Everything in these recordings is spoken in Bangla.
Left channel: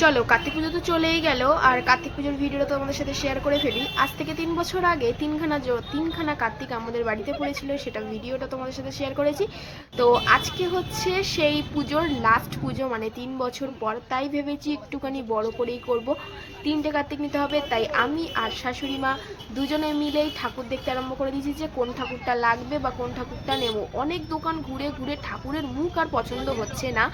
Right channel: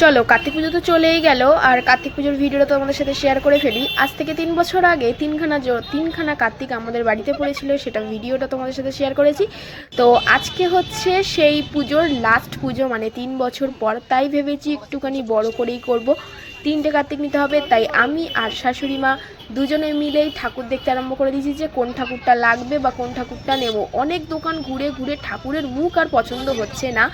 চলো কার্তিক পুজো তো চলেই গেল, আর কার্তিক পুজোর ভিডিওটা তোমাদের সাথে শেয়ার করে ফেলি। আজ থেকে 3 বছর আগে তিনখানা কার্তিক আমাদের বাড়িতে পড়েছিল, সেটা ভিডিওটা তোমাদের সাথে শেয়ার করেছি। তো আজকে হচ্ছে সেই পুজোর লাস্ট পুজো, মানে 3 বছর পর, তাই ভেবেছি একটুখানি বড় করেই করব। 3টে কার্তিক নিতে হবে, তাই আমি আর শাশুড়ি মা দুজনে মিলেই ঠাকুর দেখতে আরম্ভ করে দিয়েছি যে কোন ঠাকুরটা লাগবে বা কোন ঠাকুরটা নেব। অনেক দোকান ঘুরে ঘুরে ঠাকুরের মুখ আর পছন্দ হচ্ছে না,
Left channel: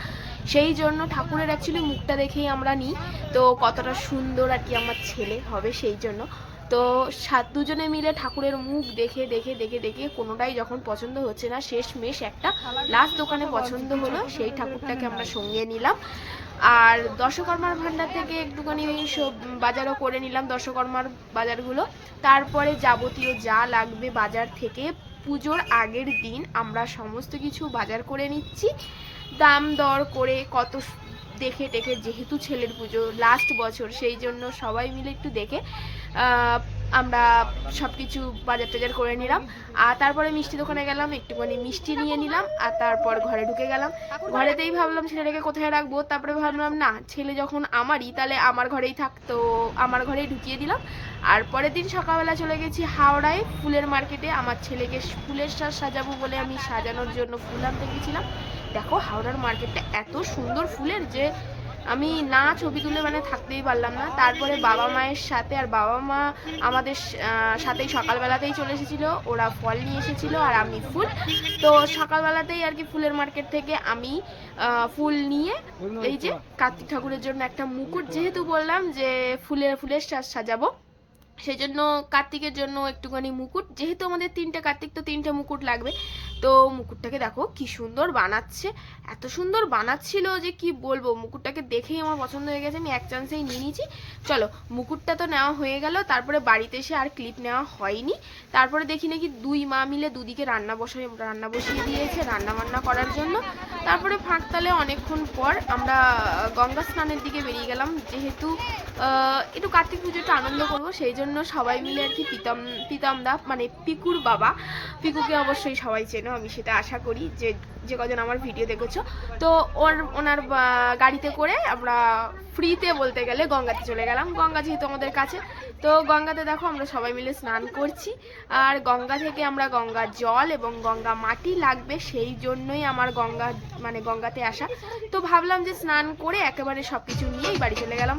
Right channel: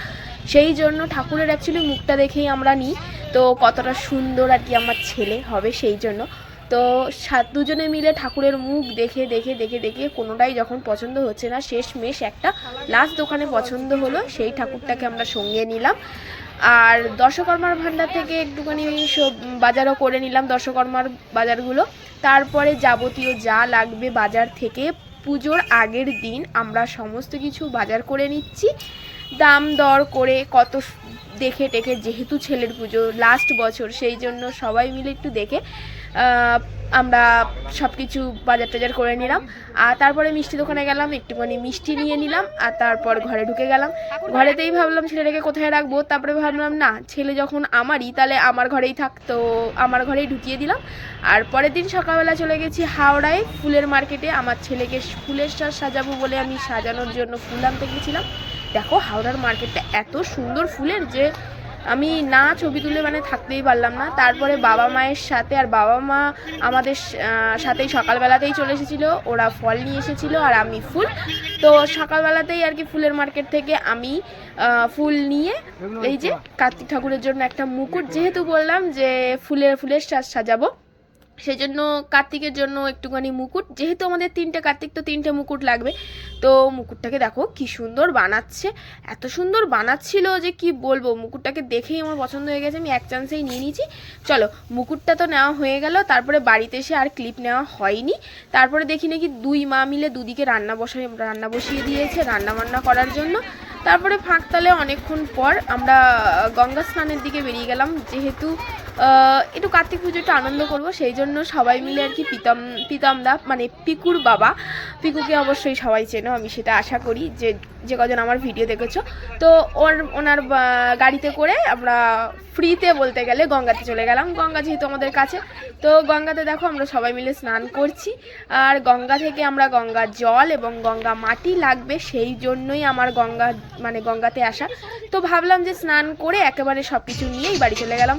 সেই জন্য ঠাকুরের অ্যাকচুয়ালি মুখটা দেখেই আমরা নিই, তো কতটা সুন্দর আর কি আমার ছেলে হবে সেই জন্য। তো দুজনে মিলে ঠাকুরের মুখ দেখে দেখে দেখে দেখে কোনোটাই যখন পছন্দ হচ্ছে না, শেষমেশ একটা লাস্ট দোকানে পছন্দ হলো, সেই ঠাকুরটাকে আমরা সঙ্গে নিলাম। আর দশকর্মার ভাণ্ডার থেকে একটুখানি সব বাজারও করে নিলাম, দশকর্মার বাজারগুলো। তারপরে যাবতীয় যা লাগবে বাজার থেকে পুজোর আগের দিন আমরা সমস্ত কিছু বাজার করে নিচ্ছি, দাম দর করে কত দেখে টেকে, যেহেতু ছেলের পুজো লাস্ট বছর, সেই জন্য সবাই মিলে একটু দেখে আমরা সব কিছু বাজার টাজার করে নিলাম। আর তারপরে মিষ্টি দোকানে গেলাম, একটুখানি মিষ্টি নিয়ে নিলাম, আর তারপর ঘরে ঢুকে গেলাম। ঘরেতেই ভাবলাম ছেলেটাকে কোথায় রাখবো, তারপরে ভাবলাম না, ছেলে যখন আমারই, তাহলে আমার ঘরেই থাকতো, আমার ঘরেই ঢুকিয়ে দিলাম। আর পরের দিন সকালবেলা চলে গেছি হাওড়ায় ফুলের মার্কেটে। আমার ছেলেকে ফুলের সাজাবো বলে আমি সাজানোর জন্য ফুল আনতে গেছিলাম। দেখো হাওড়ার মার্কেটটা এত সুন্দর ফুলের যে আমি না ছবি তুলে মানে থাকতেই পারলাম না। তারপরে বাবা মায়ের সাথে, আর বাবা মা আমাদের সাথেই সকালবেলাতেই চলে এসেছিলো, ওরা ফল নিয়ে এসেছিলো আর আমি ফুল। তো সকালবেলাতেই আর কি ফুলের মার্কেট থেকে আমি ফুল নিয়ে এই যে কার্তিক ঠাকুরের জন্য একটা মুকুট, যেহেতু বললাম যে ফুলের সাজাবো, সেই জন্য কার্তিকের জন্য একটুখানি মুকুট, যেহেতু আমাদের 3টে কার্তিক তো 3টে মুকুট লাগবে। তো মুকুটটাকে দেখো কি সুন্দর বানাচ্ছে, এত সুন্দর বানাচ্ছিল যে কি বলবো, মুকুটটাকে দেখেই আমার পছন্দ হয়ে গেছে, আমি এক চান্সেই নিয়ে নিয়েছি। চলো মুকুটটা তো নেওয়া হয়ে গেল, তারপরে বাড়িতে এসে আর ক্লিপ নেওয়া হয়নি। তারপরে দেখি নাকি দুই মা মিলে দুদিকে রান্না বসিয়ে দিয়েছে রান্না বান্না করার জন্য। তারপরে ফাঁকতালে অনেকক্ষণ পর আমরা গঙ্গা স্নানের দিকে বেরিয়ে গেলাম, যেহেতু একটু কার্তিক পুজোটা আনন্দ করব, সেই জন্য সবাই মিলে আর কি পিতামদা মানে পিকুর বাবা, পিকুকে অবশ্যই সবাই চেনো, আমি সেটা আশা করি যে কজন আমার ভিডিও দেখেছো। তো ওনার গাড়িতে করে আমরা ফ্রিতে বলতে গেলে গঙ্গাতে চলে গেলাম, গঙ্গা যেহেতু আমাদের কাছে। তো গঙ্গাতে দেখো আমরা সবাই মিলে স্নান করছি, আর গঙ্গা থেকে আমরা গঙ্গা জল এবং গঙ্গা মাটি লাগবে, সেই জন্যই আমার গঙ্গাতে আসা। তো ভাবলাম যে স্নান করে একেবারে সব কিছু নিয়েই বাড়ি চলে গেলাম।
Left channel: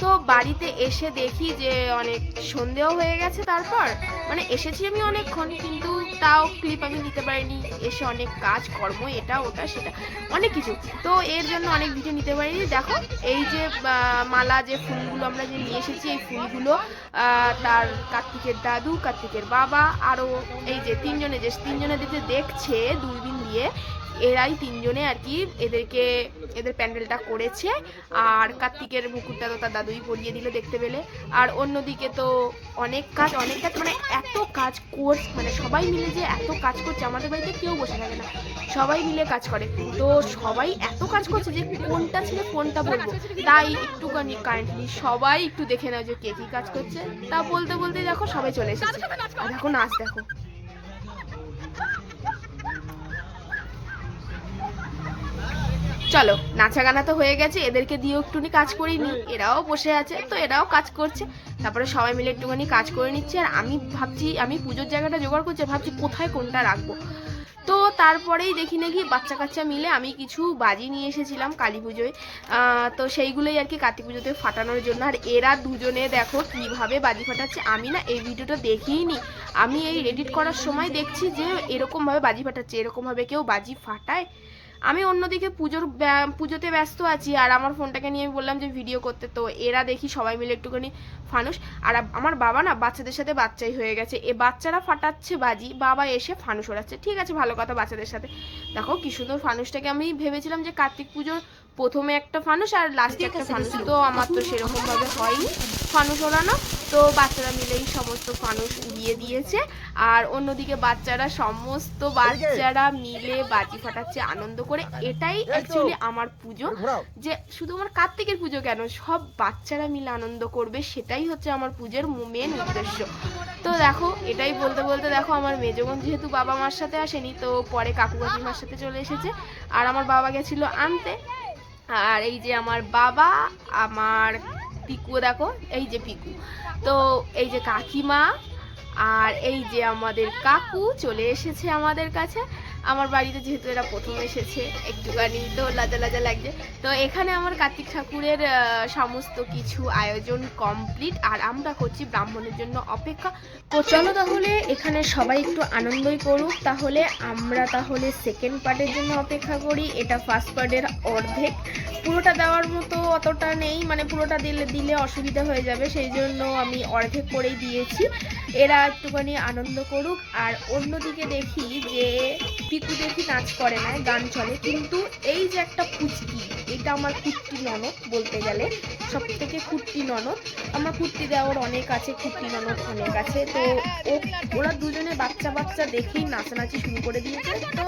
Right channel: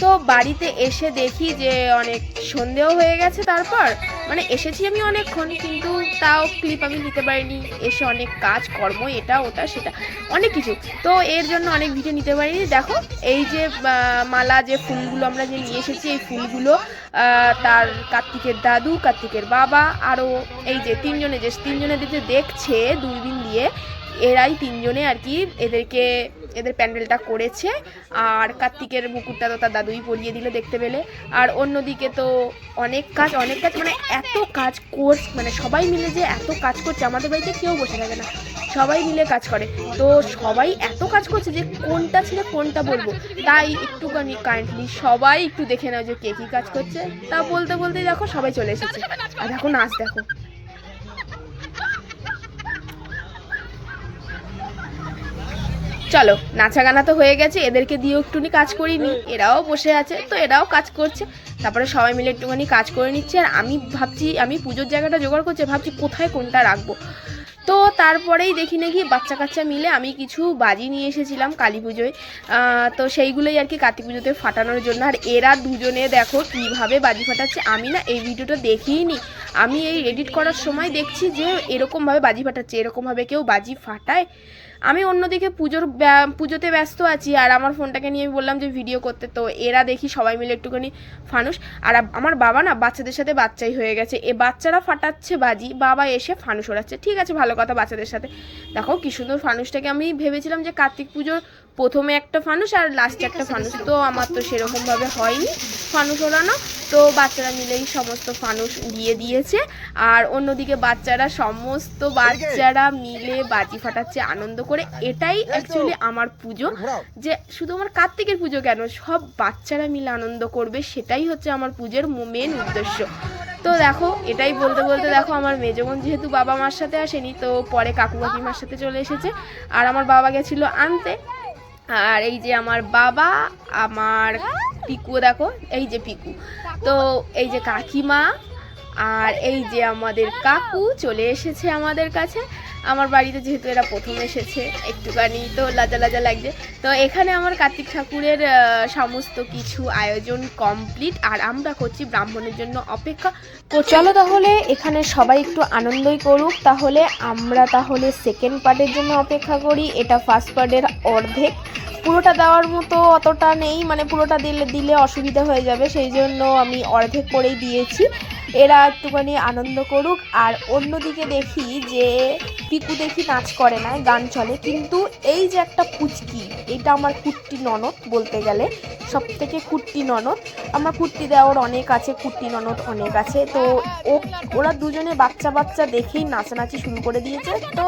তো বাড়িতে এসে দেখি যে অনেক সন্ধেও হয়ে গেছে। তারপর মানে এসেছি আমি অনেকক্ষণ, কিন্তু তাও ক্লিপ আমি দিতে পারিনি, এসে অনেক কাজ কর্ম, এটা ওটা সেটা অনেক কিছু, তো এর জন্য অনেক ভিডিও নিতে পারিনি। দেখো এই যে মালা, যে ফুলগুলো আমরা যে নিয়ে এসেছি, এই ফুলগুলো তার কার্তিকের দাদু, কার্তিকের বাবা, আরও এই যে তিনজনে যে দেখছে দূরবীন দিয়ে, এরাই তিনজনে আর কি এদের প্যান্ডেলটা করেছে। আর কার্তিকের মুকুটটা তো তার দাদুই পরিয়ে দিলে দেখতে পেলে। আর অন্যদিকে তো অনেক কাজ মানে এত কাজ মানে সবাই মিলে যে এত কাজ করছে, আমাদের বাড়িতে কেউ বসে থাকে না, সবাই মিলে কাজ করে। তো সবাই এত কাজ করছে যে কোনটা ছেড়ে কোনটা বলবো, তাই একটুখানি কাইন্ডলি সবাই একটু দেখে নাও যে কে কী কাজ করছে। তা বলতে বলতেই দেখো সবাই চলে এসেছে, আর দেখো নাচ দেখো। চলো নাচা গানা তো হয়ে গেছে, এদেরকে দিয়েও একটুখানি কাজ করিনি, এরাও বসে আছে তো এরাও কাজ করছে। তারপরে সবাই মিলে একটুখানি কাজ করে নিচ্ছে, আর আমি ভাবছি, আমি পুজোর জায়গাটা জোগাড় করছি, ভাবছি কোথায় কোনটা রাখবো। তো তারপরেই দেখি নাকি বাচ্চা কাচ্চা মিলে আমি কিছু বাজি নিয়ে এসেছিলাম কালী পুজোয়, তো সেইগুলোই আর কি কার্তিক পুজোতে ফাটানোর জন্য। আর এরা দুজনে দেখো কীভাবে বাজি ফাটাচ্ছে, আমি না এই ভিডিওটা দেখিনি, আমি এই এডিট করার সময় দেখছি যে এরকমভাবে বাজি ফাটাচ্ছে, এরকমভাবে কেউ বাজি ফাটায়। আমি অন্যদিকে পুজোতে ব্যস্ত আছি, আর আমার ফোনটাকে নিয়ে আমি বললাম যে ভিডিও করতে, তো এরা দেখি সবাই মিলে একটুখানি ফানুস, আর আমার বাবা না বাচ্চাদের সাথে বাচ্চাই হয়ে গেছে, এ বাচ্চারা ফাটাচ্ছে বাজি, বাবা এসে ফানুস ওড়াচ্ছে। ঠিক আছে, ভালো কথা, বাচ্চাদের সাথে। দেখো কি সুন্দর ফানুসটাকে, আমি ভেবেছিলাম যে কার্তিক পুজোর প্রথমে একটা ফানুস আর লাস্টে একটা ফানুস, তো আমার তো সেরকমভাবে হয়নি ফানুস ওড়ানো, তো বাচ্চারা মিলেই সমস্ত ফানুস উড়িয়ে দিয়েছে। আর অন্যদিকে সমস্ত বাচ্চারা মিলে বাজি ফাটাচ্ছে আনন্দ করে। এটাই অ্যাকচুয়ালি আমার পুজো, যে শুধু আমার কার্তিকের পুজো কেন, সব বাচ্চারা মিলে আনন্দ করবে, সেটাই হচ্ছে আমার পুজোর মেন উদ্দেশ্য। তো দেখো এটাই বলতে বলতে দেখো আমার মেজবোন যেহেতু বাবা মার সাথে আসেনি, তো পরে কাকু কাকিমার সাথে চলে এসেছে, আর আমার বাবা গেছিলো আনতে। আর এই যে আমার বাবা, আমার পিকু, দেখো এই যে পিকু, তো এই যে কাকিমা, আর এই যে আমাদের কাকু চলে এসেছে আমাদের কাছে। আমার বাড়িতে যেহেতু এরা প্রথম এসেছে, একটুখানি তো লাজা লাজা লাগছে। তো এখানে আমার কার্তিক ঠাকুরের সমস্ত কিছু আয়োজন কমপ্লিট, আর আমরা করছি ব্রাহ্মণের জন্য অপেক্ষা। তো চলো তাহলে এখানে সবাই একটু আনন্দই করুক, তাহলে আমরা তাহলে সেকেন্ড পার্টের জন্য অপেক্ষা করি। এটা ফার্স্ট পার্টের অর্ধেক, পুরোটা দেওয়ার মতো অতটা নেই, মানে পুরোটা দিলে অসুবিধা হয়ে যাবে, সেই জন্য আমি অর্ধেক করেই দিয়েছি। এরা একটুখানি আনন্দ করুক। আর অন্যদিকে দেখি যে পিকু দেখি নাচ করে না, গান চলে, কিন্তু এই যে একটা পুচকি, এটা আমার কুট্টি ননদ বলতে গেলে, সব থেকে কুট্টি ননদ। আমার কুট্টি দেওয়ার অনেক আছে, কুট্টি ননদ অনেক আছে, তো ওরা দুজনে বাচ্চা বাচ্চা দেখেই নাচানাচি শুরু করে দিয়েছে। তো